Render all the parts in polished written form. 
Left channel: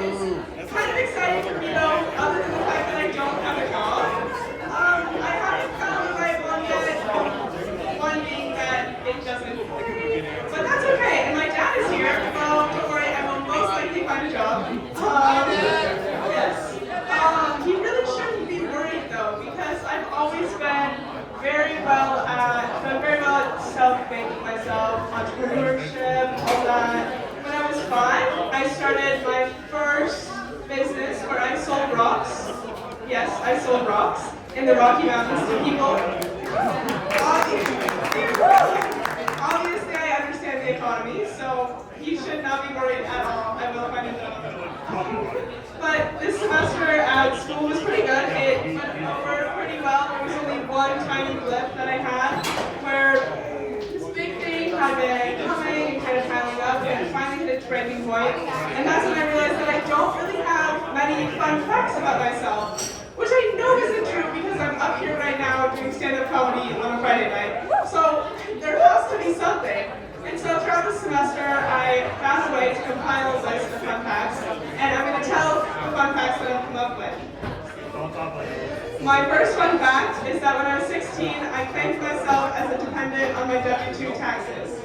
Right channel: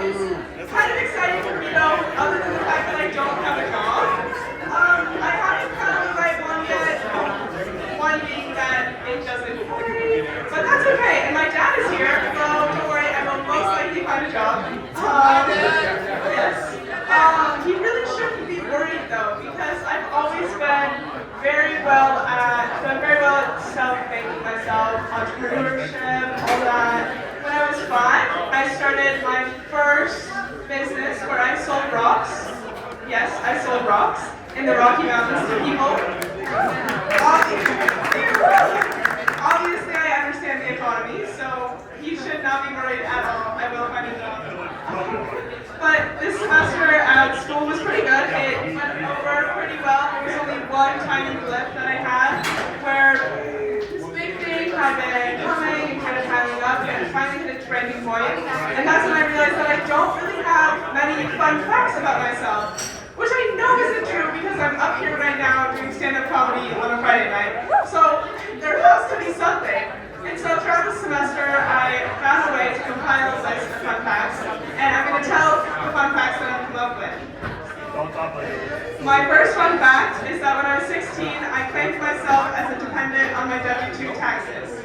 It's kind of exciting for me though, other than the fact that I don't have a job. I haven't found the right one yet. One being that it doesn't pay, but that's okay. And my dad is here, so don't worry, I will most likely find a job. Yes. He really shouldn't be worried though, because I've always done very well at self-making myself, entrepreneurship, all that. When I was 5, I started my first business where I sold rocks. Yes, I sold rocks in the Rocky Mountains to people. Obviously, I understand the economy, so he should not be worried at all. I will find a job. But this semester at school was pretty good. It went over pretty well. There was only one tiny blip that I had where this big thing had been coming and kind of piling up and finally hit its breaking point. And that's when I realized that I don't really have many fun facts about myself. Which I know isn't true because I'm up here right now doing stand-up comedy on a Friday night. So there has to be something. And so throughout the semester, I found a way to compile a list of fun facts, and I'm going to tell the fun facts that I've come up with. My first fun fact is that when I was 16, I claimed myself as a dependent on my W-2 taxes.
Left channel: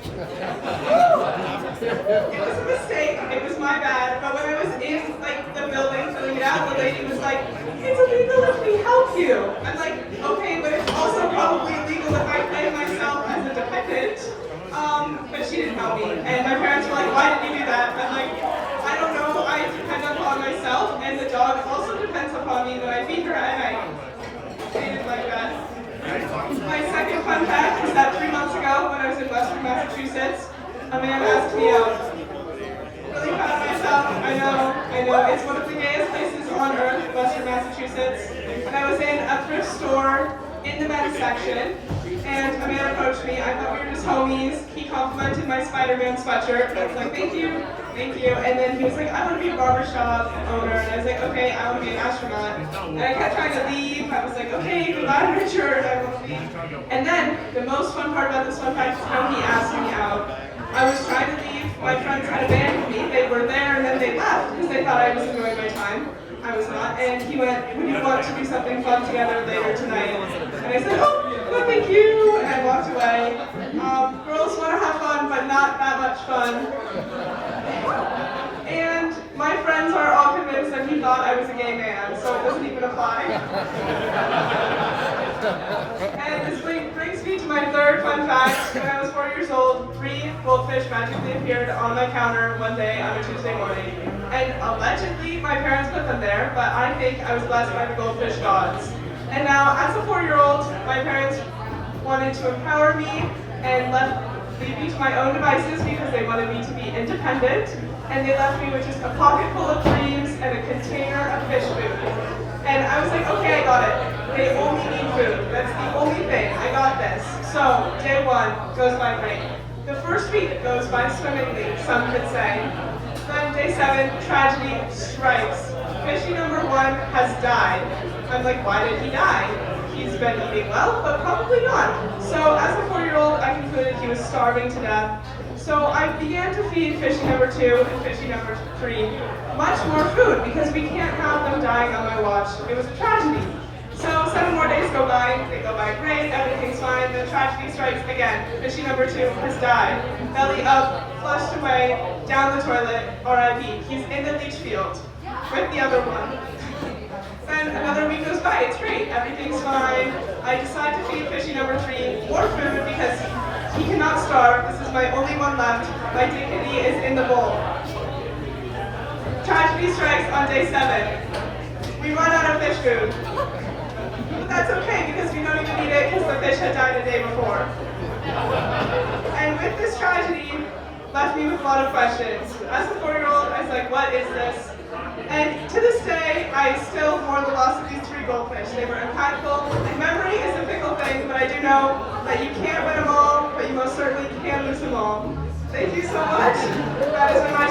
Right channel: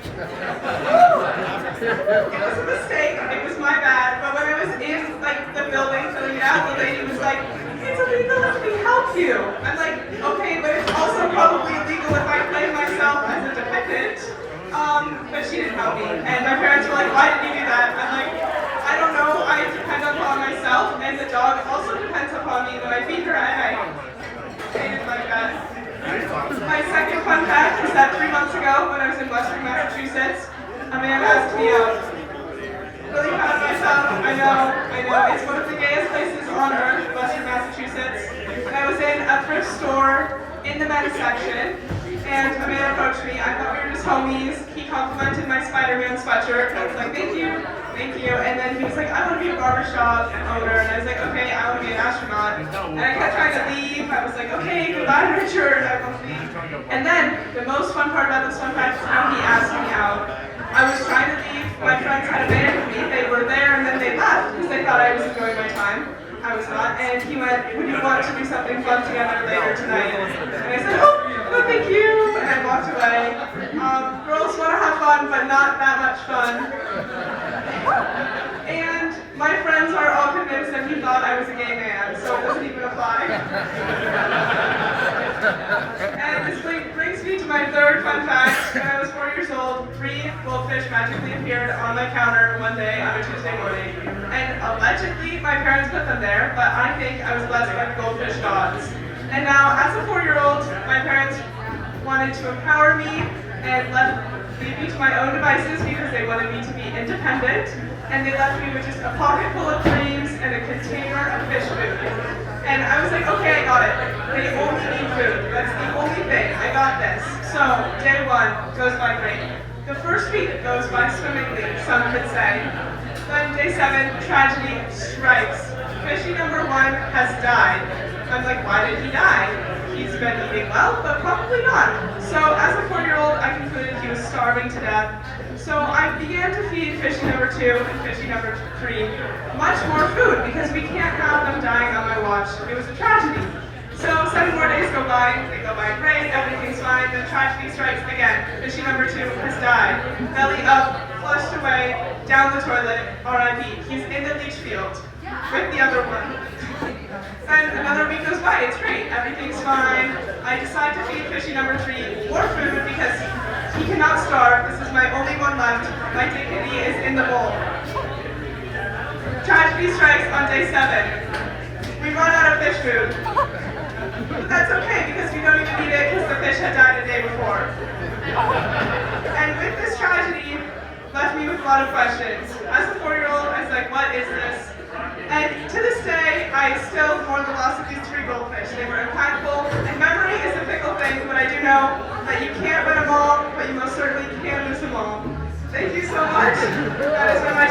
It was a mistake, it was my bad, but when I was in the building filling it out, the lady was like, "It's illegal if we help you." I'm like, okay, but it's also probably illegal if I claim myself as a dependent. But she didn't help me. And my parents were like, "Why did you do that?" I'm like, "I don't know, I depend upon myself, and the dog also depends upon me when I feed her at night." They did my best. My second fun fact is that 3 months ago, when I was in Western Massachusetts, a man asked me out. Really proud of myself. I know. It's one of the gayest places on earth, Western Massachusetts. And I was in a thrift store in the men's section, and a man approached me. I thought we were just homies. He complimented my Spider-Man sweatshirt. I was like, thank you. And then he was like, "I want to be a barbershop owner." And I was like, "Okay, I want to be an astronaut." And I kept trying to leave. I was like, "Okay, goodbye, Richard. I want to leave." And then the most fun part about this fun fact is how he asked me out. I was trying to leave. My friends had abandoned me. They were there and then they left because they thought I was enjoying my time. I was not. And he went, "Would you want to do something fun together later tonight?" And I said, "Oh, no, thank you." And I walked away. Girls want to have fun, but not that much fun. And my friends are all convinced that he thought I was a gay man, so it doesn't even apply. And this brings me to my third fun fact. When I was 4 years old, 3 goldfish magically appeared on my counter one day on a Tuesday morning. And allegedly, my parents put them there, but I think I was blessed by the goldfish gods. And now, as a 4-year-old, my parents wanted to empower me and leave me to my own devices because they wanted me to be independent. And they left me with just a pocket full of dreams and a container of fish food. And I was like, okay, I got it. They only need food. That's the only thing. I got this. So, day 1 goes by great. The first week goes by swimmingly, some could say. Then day 7, tragedy strikes. Fishy number 1 has died. I'm like, why did he die? He's been eating well, but probably not. So as a 4-year-old, I concluded he was starving to death. So I began to feed fishy number 2 and fishy number 3 much more food because we can't have them dying on my watch. It was a tragedy. So 7 more days go by, they go by great, everything's fine, the tragedy strikes again. Fishy number 2 has died. Belly up, flushed away, down the toilet, R.I.P. He's in the leach field with the other one. Then another week goes by, it's great, everything's fine. I decide to feed fishy number 3 more food because he cannot starve. This is my only one left. My dignity is in the bowl. Tragedy strikes on day 7. We run out of fish food. But that's okay because we don't even need it because the fish had died the day before. And with this tragedy, left me with a lot of questions. As a 4-year-old, I was like, what is this? And to this day, I still mourn the loss of these 3 goldfish. They were impactful, and memory is a fickle thing, but I do know that you can't win them all, but you most certainly can lose them all. Thank you so much. That has been my